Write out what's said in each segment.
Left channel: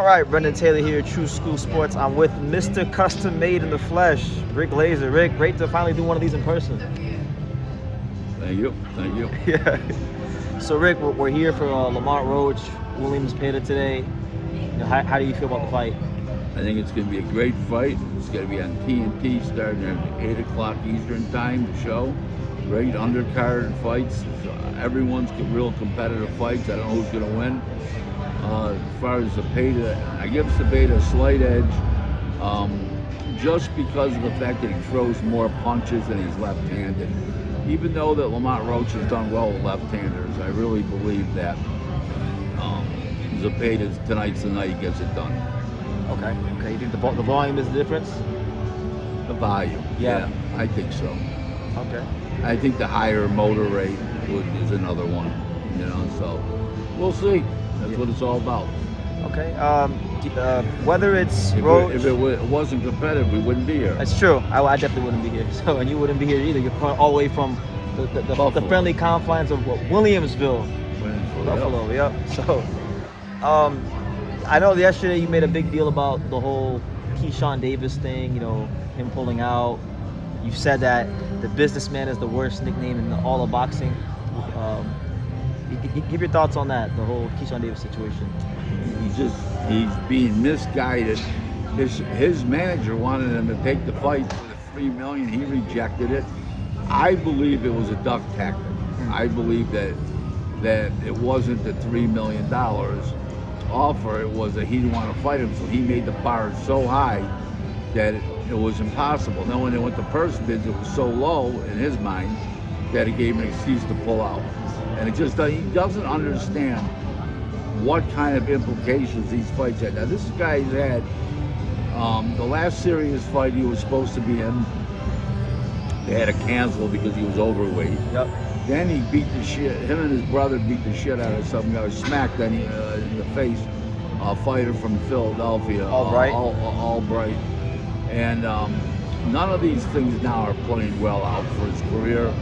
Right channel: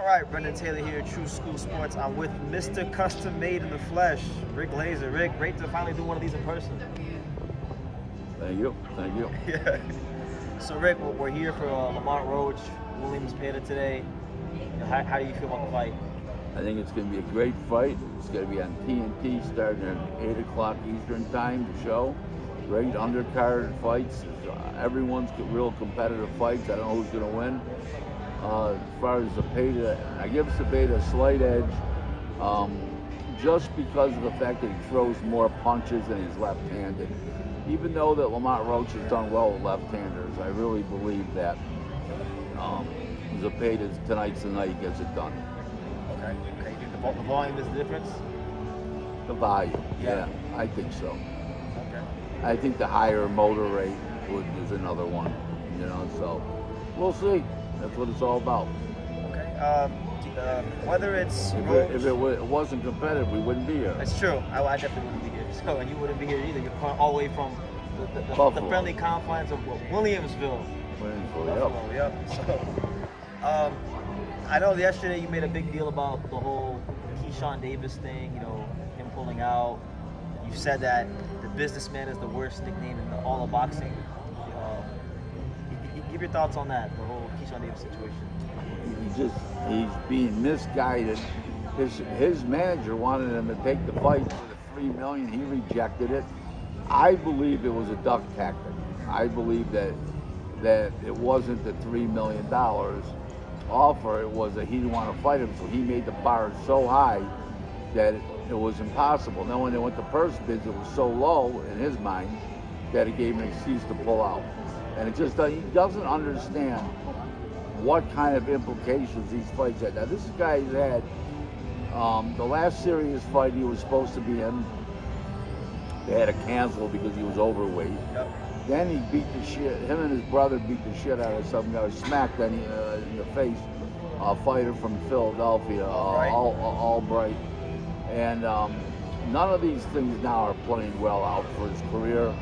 All right, Brendan Taylor here, True School Sports. I'm with Mr. Custom Made in the Flesh, Rick Glaser. Rick, great to finally do one of these in person. Thank you. Thank you. Yeah. So, Rick, we're here for Lamont Roach, Williams Peda today. How do you feel about the fight? I think it's going to be a great fight. It's going to be on TNT starting at 8 o'clock Eastern time, the show. Great undercard fights. Everyone's real competitive fights. I don't know who's going to win. As far as the Peda, I give the Peda a slight edge just because of the fact that he throws more punches and he's left-handed. Even though that Lamont Roach has done well with left-handers, I really believe that Zepeda tonight's the night he gets it done. Okay. You think the volume is the difference? The volume. Yeah, I think so. Okay. I think the higher motor rate is another one. So we'll see. That's what it's all about. Okay. Whether it's if it wasn't competitive, we wouldn't be here. That's true. I definitely wouldn't be here. So, and you wouldn't be here either. You're all the way from the friendly confines of Williamsville. Buffalo. Yep. So, I know yesterday you made a big deal about the whole Keyshawn Davis thing. Him pulling out. You've said that the businessman is the worst nickname in all of boxing. Give your thoughts on that, the whole Keyshawn Davis situation. He's being misguided. His manager wanted him to take the fight for the $3 million. He rejected it. I believe it was a duck tactic. I believe that it wasn't the $3 million offer. It was that he didn't want to fight him, so he made the bar so high that it was impossible. Then when they went to purse bids, it was so low in his mind that it gave him an excuse to pull out. And he doesn't understand what kind of implications these fights had. Now this guy's had the last serious fight he was supposed to be in, they had to cancel because he was overweight. Yep. Then he beat the shit, him and his brother beat the shit out of some guy, smacked in the face, a fighter from Philadelphia, Albright. And none of these things now are playing well out for his career.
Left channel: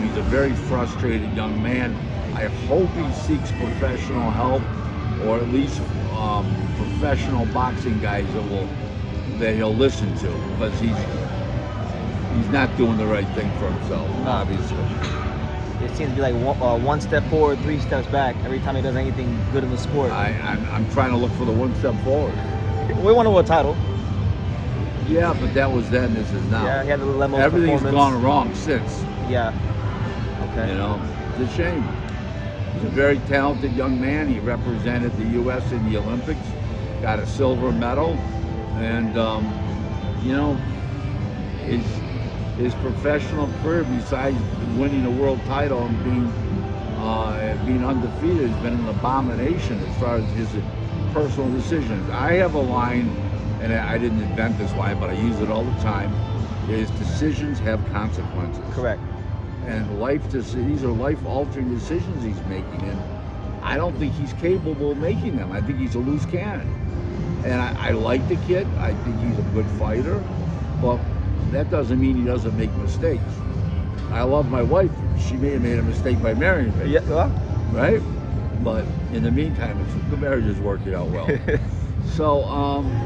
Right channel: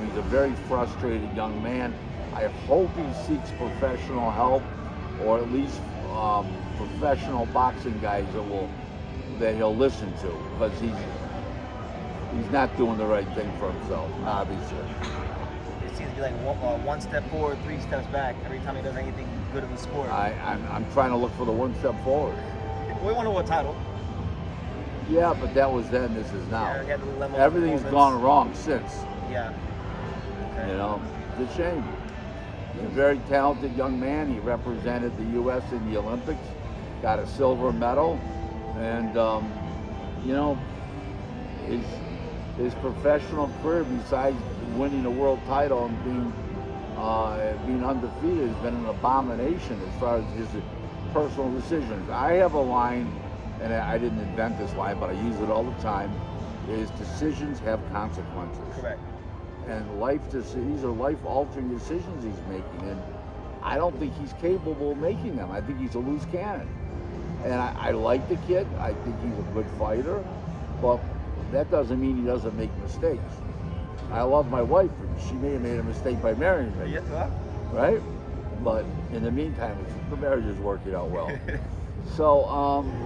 He's a very frustrated young man. I hope he seeks professional help, or at least professional boxing guys that he'll listen to, because he's not doing the right thing for himself, obviously. It seems to be like one step forward, 3 steps back every time he does anything good in the sport. I'm trying to look for the one step forward. We won a title. Yeah, but that was then. This is now. Yeah, he had the limo Everything's gone wrong since. Yeah. Okay. It's a shame. He's a very talented young man. He represented the U.S. in the Olympics, got a silver medal, and his professional career, besides winning a world title and being undefeated, has been an abomination as far as his personal decisions. I have a line, and I didn't invent this line, but I use it all the time, is decisions have consequences. Correct. And these are life-altering decisions he's making, and I don't think he's capable of making them. I think he's a loose cannon. And I like the kid. I think he's a good fighter, but that doesn't mean he doesn't make mistakes. I love my wife. She may have made a mistake by marrying me. Yeah. Right? But in the meantime, the marriage is working out well. So,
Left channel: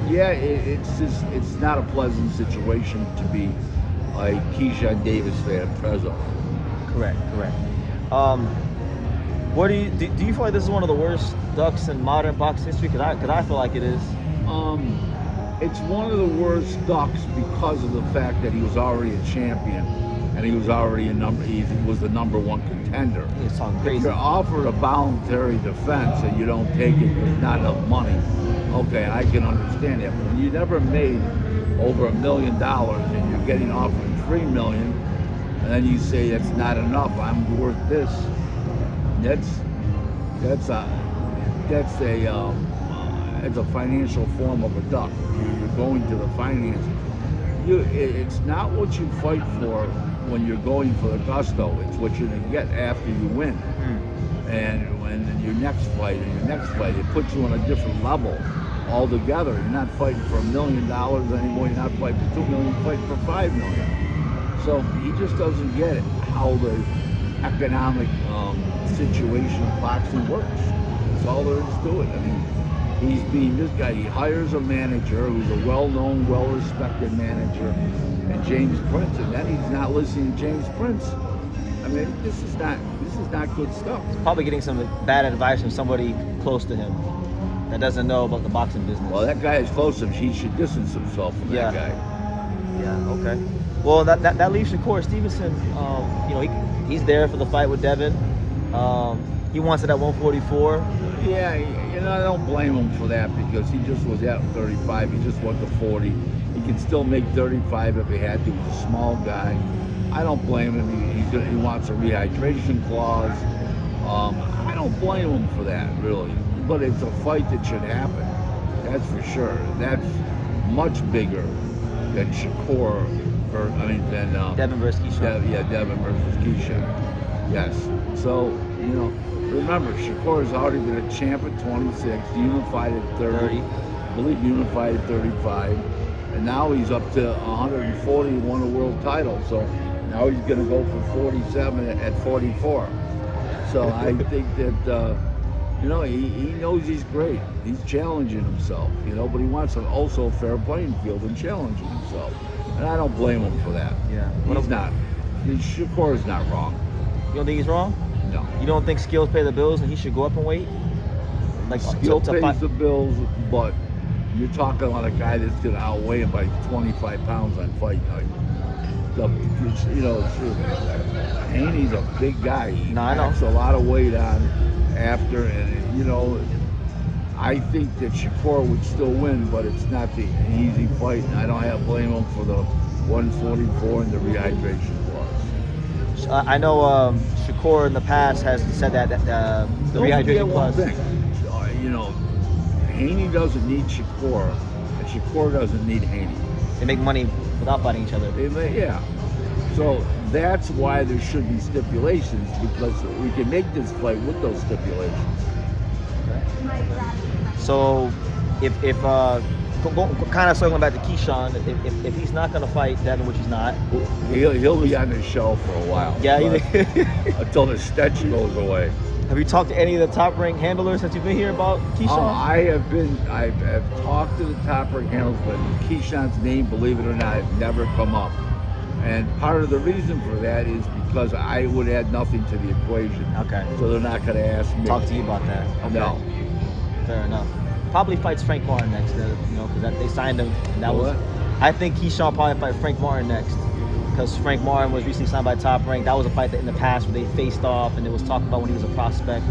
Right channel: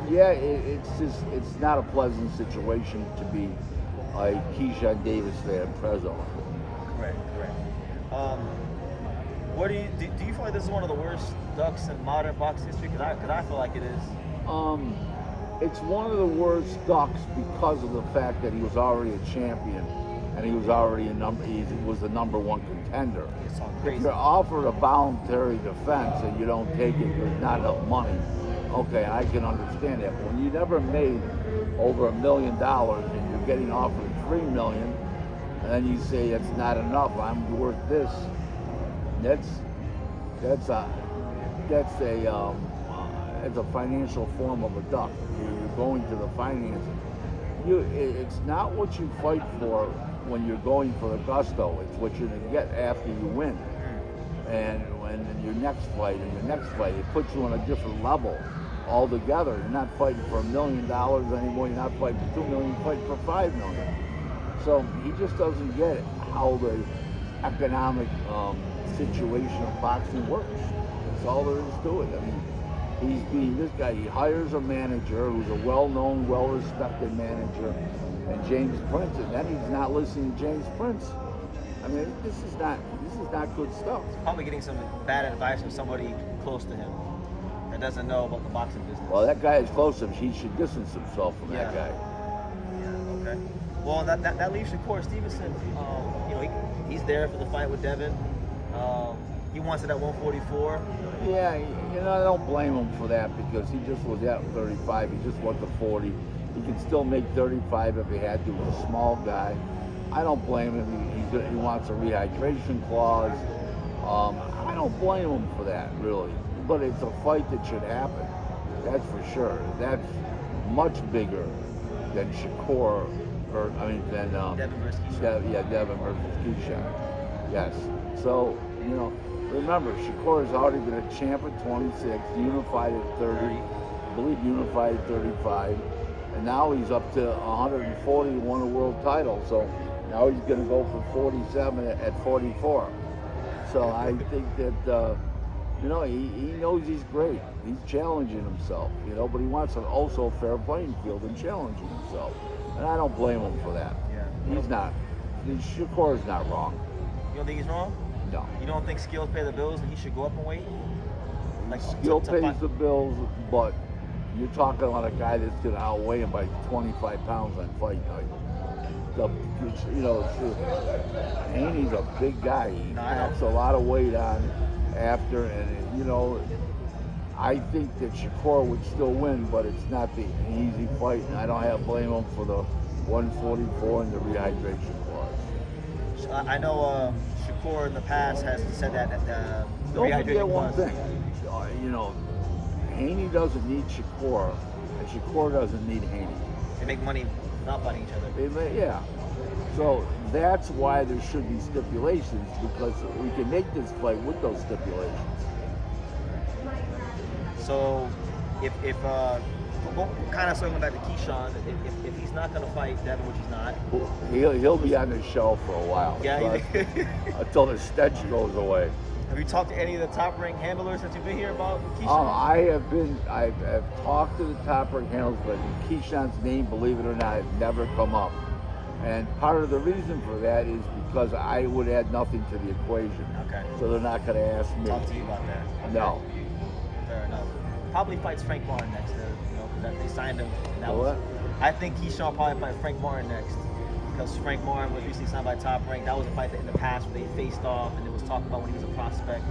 it's not a pleasant situation to be a Keyshawn Davis fan presently. Correct. What do you feel like this is one of the worst ducks in modern boxing history? Because I feel like it is. It's one of the worst ducks because of the fact that he was already a champion and he was already he was the number one contender. It's sounds crazy. If you're offered a voluntary defense and you don't take it because not enough money, okay, I can understand that. But when you never made over $1 million and you're getting offered $3 million, and then you say that's not enough, I'm worth this. That's a financial form of a duck. You're going to the finances. It's not what you fight for when you're going for the gusto. It's what you're going to get after you win. And when your next fight, it puts you on a different level altogether. You're not fighting for $1 million anymore. You're not fighting for $2 million. You're fighting for $5 million. So he just doesn't get it, how the economic situation of boxing works. That's all there is to it. I mean, This guy, he hires a manager who's a well-known, well-respected manager, and James Prince, and then he's not listening to James Prince. I mean, this is not good stuff. He's probably getting some bad advice from somebody close to him that doesn't know about the boxing business. Well, that guy is close to him. He should distance himself from that guy. Yeah. Okay. Well, that leaves Shakur Stevenson. He's there for the fight with Devin. He wants it at 144. Yeah, I don't blame him for that because he just was at 35. He just went to 40. He can still make 35 if he had to. He's a small guy. I don't blame him. He wants a rehydration clause. I don't blame him for that, really. But it's a fight that should happen. That's for sure. That's much bigger than Shakur, than Devin versus Keyshawn. Devin versus Keyshawn. Yes. So, remember, Shakur has already been a champ at 26, unified at 30. I believe unified at 35. And now he's up to 140 and won a world title. So now he's going to go for 47 at 44. So I think that, he knows he's great. He's challenging himself, but he wants also a fair playing field and challenging himself. And I don't blame him for that. Yeah. He's not. Shakur is not wrong. You don't think he's wrong? No. You don't think skills pay the bills and he should go up and weight? Like skill pays the bills, but you're talking about a guy that's going to outweigh him by 25 pounds on fight night. Haney's a big guy. He packs a lot of weight on after, and I think that Shakur would still win, but it's not the easy fight, and I don't blame him for the 144 and the rehydration clause. I know Shakur in the past has said that the rehydration clause. Don't forget one thing. Haney doesn't need Shakur, and Shakur doesn't need Haney. They make money without fighting each other. Yeah. So that's why there should be stipulations, because we can make this fight with those stipulations. Okay. So if kind of circling back to Keyshawn, if he's not going to fight Devin, which he's not, he'll be on the shelf for a while. Yeah, until the stench goes away. Have you talked to any of the top-ranked handlers since you've been here about Keyshawn? I've talked to the top-ranked handlers, but Keyshawn's name, believe it or not, has never come up. And part of the reason for that is because I would add nothing to the equation. Okay. So they're not going to ask me. Talk to you about that. Okay. No. Fair enough. Probably fights Frank Martin next, because they signed him. And I think Keyshawn probably fight Frank Martin next, because Frank Martin was recently signed by Top Rank. That was a fight that in the past where they faced off, and it was talked about when he was a prospect.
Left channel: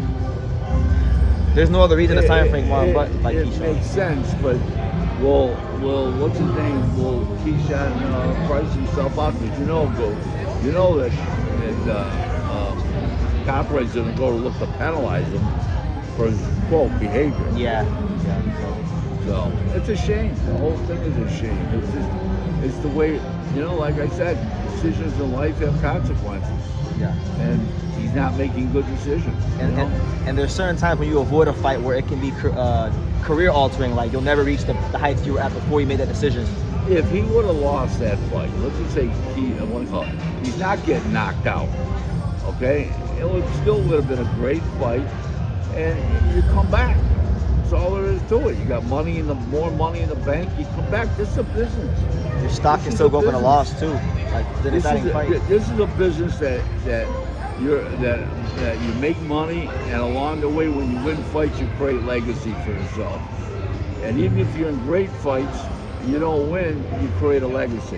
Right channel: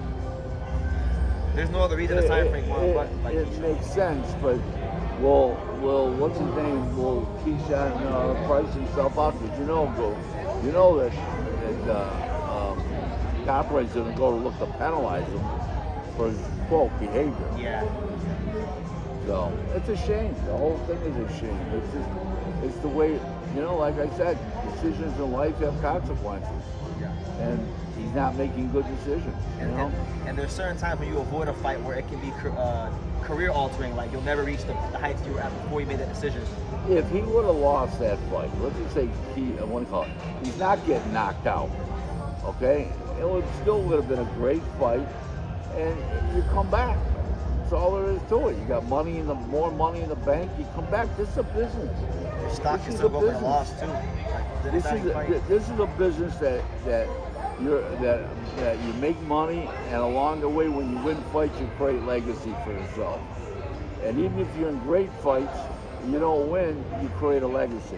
There's no other reason to sign Frank Martin but to fight Keyshawn. It makes sense, but will what's his name? Will Keyshawn price himself out? Because that Top Rank's going to go to look to penalize him for his quote behavior. Yeah. So it's a shame. The whole thing is a shame. It's the way, like I said, decisions in life have consequences. Yeah. And he's not making good decisions. And there's certain times when you avoid a fight where it can be career altering, like you'll never reach the heights you were at before you made that decision. If he would have lost that fight, let's just say he's not getting knocked out, okay? It would still would have been a great fight, and you come back. That's all there is to it. You got more money in the bank. You come back. This is a business. Your stock can still go up in a loss too. Like this is a business that you make money, and along the way, when you win fights, you create legacy for yourself. And even if you're in great fights, you don't win, you create a legacy.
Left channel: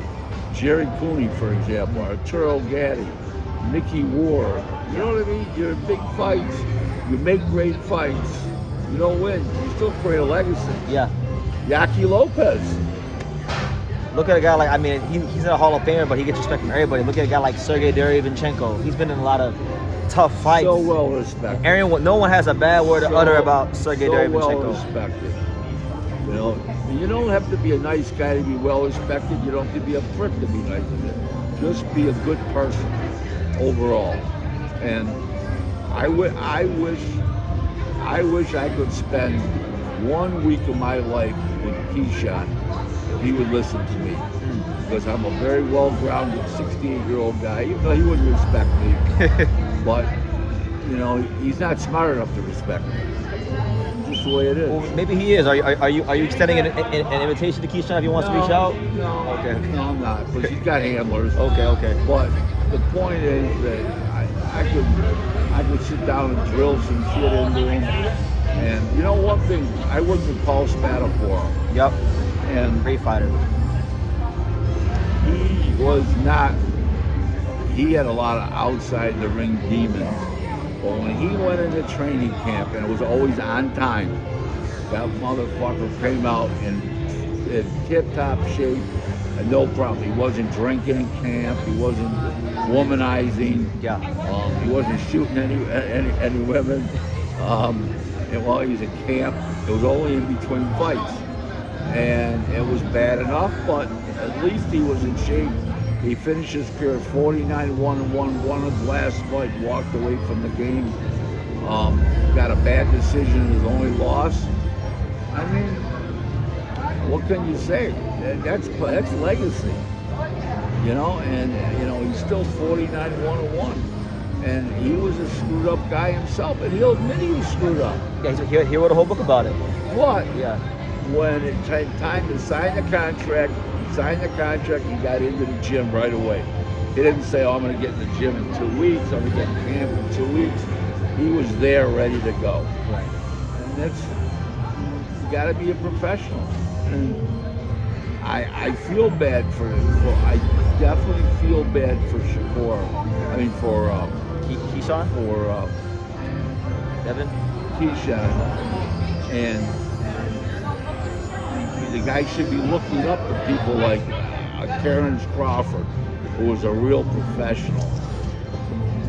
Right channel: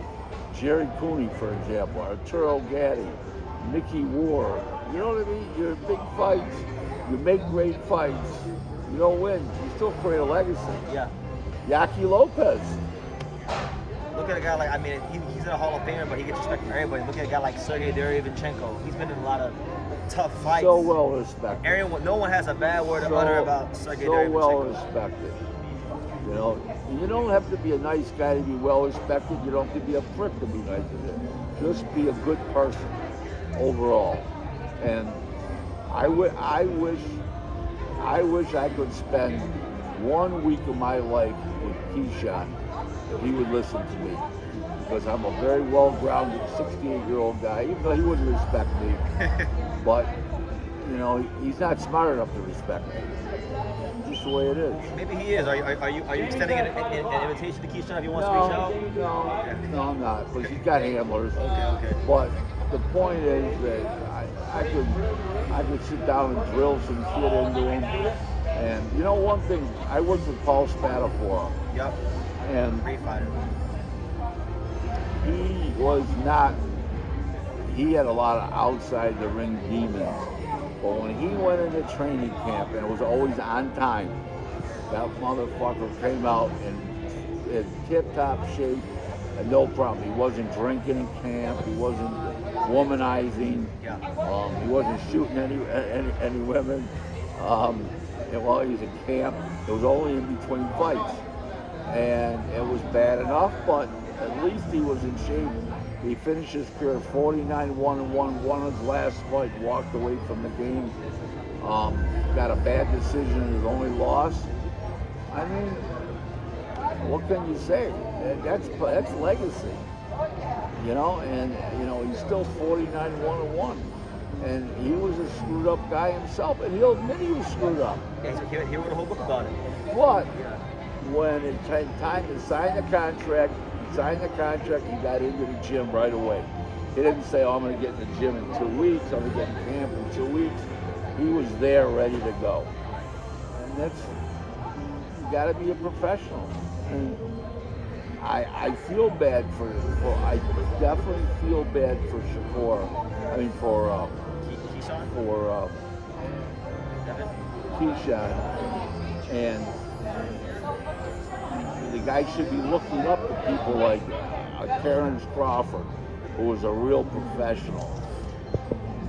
Jerry Cooney, for example, Arturo Gatti, Mickey Ward. You know what I mean? You're in big fights. You make great fights. You don't win, you still create a legacy. Yeah. Yaki Lopez. Look at a guy like, he's in a Hall of Famer, but he gets respect from everybody. Look at a guy like Sergey Derevyanchenko. He's been in a lot of tough fights. So well respected. No one has a bad word to utter about Sergey Derevyanchenko. So well respected. You don't have to be a nice guy to be well respected. You don't have to be a prick to be nice to him. Just be a good person overall. And I wish I could spend 1 week of my life with Keyshawn if he would listen to me. Because I'm a very well-grounded 68-year-old guy, even though he wouldn't respect me. But he's not smart enough to respect me. Just the way it is. Well, maybe he is. Are you extending an invitation to Keyshawn if he wants to reach out? No, Okay. no, I'm not, because he's got handlers. Okay. But the point is that I could sit down and drill some shit into him. And one thing, I worked with Paul Spadafora. Yep. And Great fighter. He had a lot of outside the ring demons. But when he went into training camp, and it was always on time, that motherfucker came out in tip-top shape, and no problem. He wasn't drinking in camp. He wasn't womanizing. Yeah. He wasn't shooting any women. And while he was at camp, it was only in between fights. And it was bad enough, but at least he was in shape. He finished his career 49-1 and won his last fight, walked away from the game. Got a bad decision in his only loss. I mean, what can you say? That's legacy. And he's still 49-1. And he was a screwed up guy himself, and he'll admit he was screwed up. Yeah, he wrote a whole book about it. But yeah, when it came time to sign the contract, he got into the gym right away. He didn't say, I'm going to get in the gym in 2 weeks, I'm going to get in camp in 2 weeks. He was there ready to go. Right. And you got to be a professional. And I feel bad I definitely feel bad for Keyshawn? For Devin? Keyshawn. And the guy should be looking up to people like Terrence Crawford, who was a real professional.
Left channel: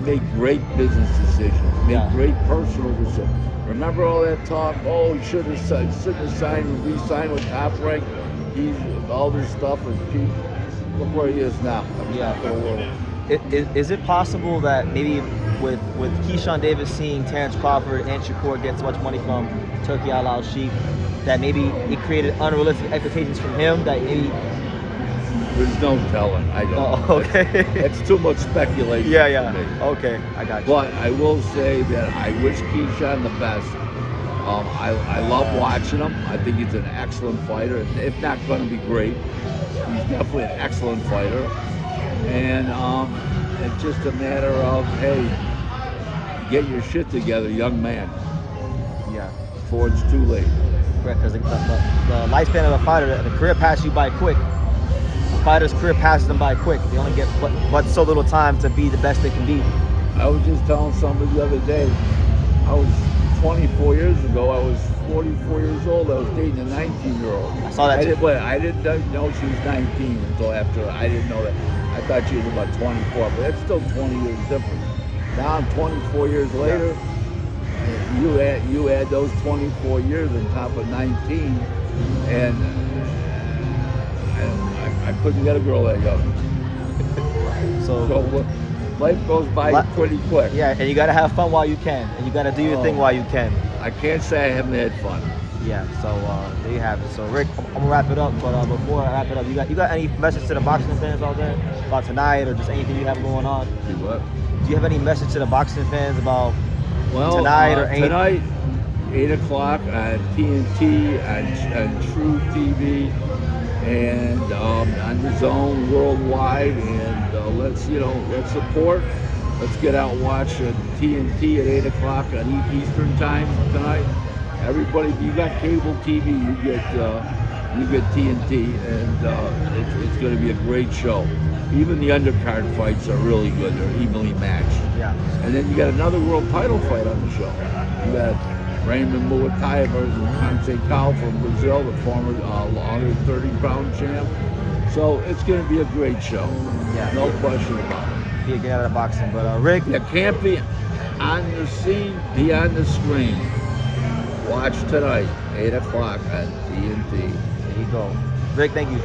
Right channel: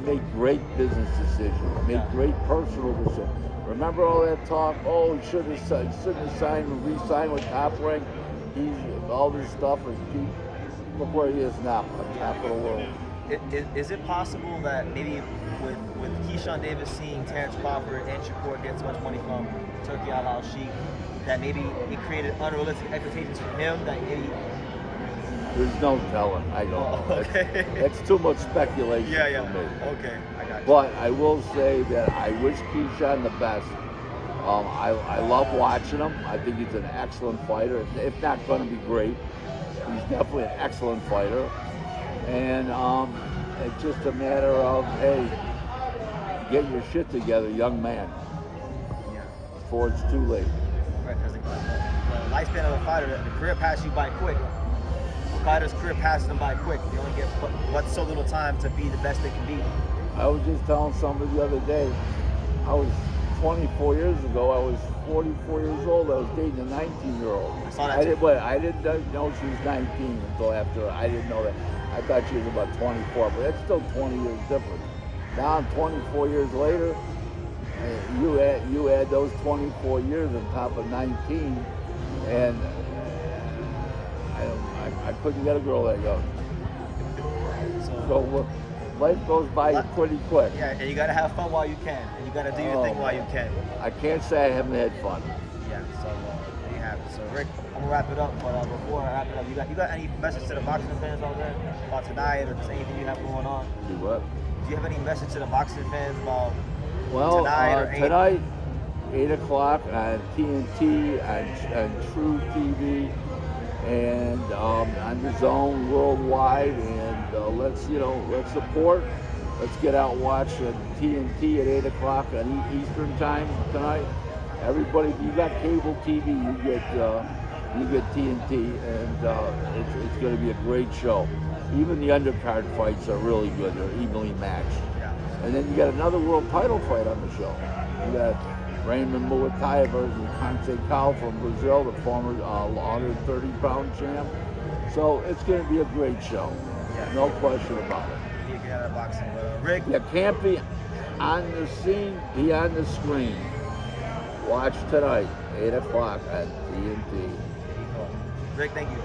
Made great business decisions, made great personal decisions. Remember all that talk? Oh, he shouldn't have signed, re-signed with Top Rank. He's all this stuff, and Pete, look where he is now. Is it possible that maybe with Keyshawn Davis seeing Terrence Crawford and Shakur get so much money from Turkey Al Sheikh, that maybe it created unrealistic expectations from him that maybe... There's no telling. I don't know. Okay. That's too much speculation for me. Okay, I got you. But I will say that I wish Keyshawn the best. I love watching him. I think he's an excellent fighter. If not going to be great, he's definitely an excellent fighter. And it's just a matter of, hey, get your shit together, young man. Yeah. Before it's too late. Correct, because the lifespan of a fighter, the career passes you by quick. The fighter's career passes them by quick. They only get but so little time to be the best they can be. I was just telling somebody the other day, I was 24 years ago, I was 44 years old, I was dating a 19-year-old. I saw that too. I didn't know she was 19 until after, I didn't know that. I thought she was about 24, but that's still 20 years difference. Now 24 years later, you add those 24 years on top of 19, and I couldn't get a girl that young. So life goes by pretty quick. Yeah, and you gotta have fun while you can, and you gotta do your thing while you can. I can't say I haven't had fun. Yeah, so there you have it. So Rick, I'm gonna wrap it up, but before I wrap it up, you got any message to the boxing fans out there about tonight, or just anything you have going on? See what? Do you have any message to the boxing fans about tonight or anything? Tonight, 8 o'clock on TNT, on True TV, and on the Zone worldwide, and let's support. Let's get out and watch TNT at 8 o'clock on Eastern time tonight. Everybody, if you got cable TV, you get TNT, and it's going to be a great show. Even the undercard fights are really good. They're evenly matched. Yeah. And then you got another world title fight on the show. You got Raymond Muay versus Conceição from Brazil, the former 130-pound champ. So it's going to be a great show. Yeah. No question about it. Yeah, get out of boxing. But Rick, you can't be on the scene, be on the screen. Watch tonight, 8 o'clock on TNT. There you go. Rick, thank you.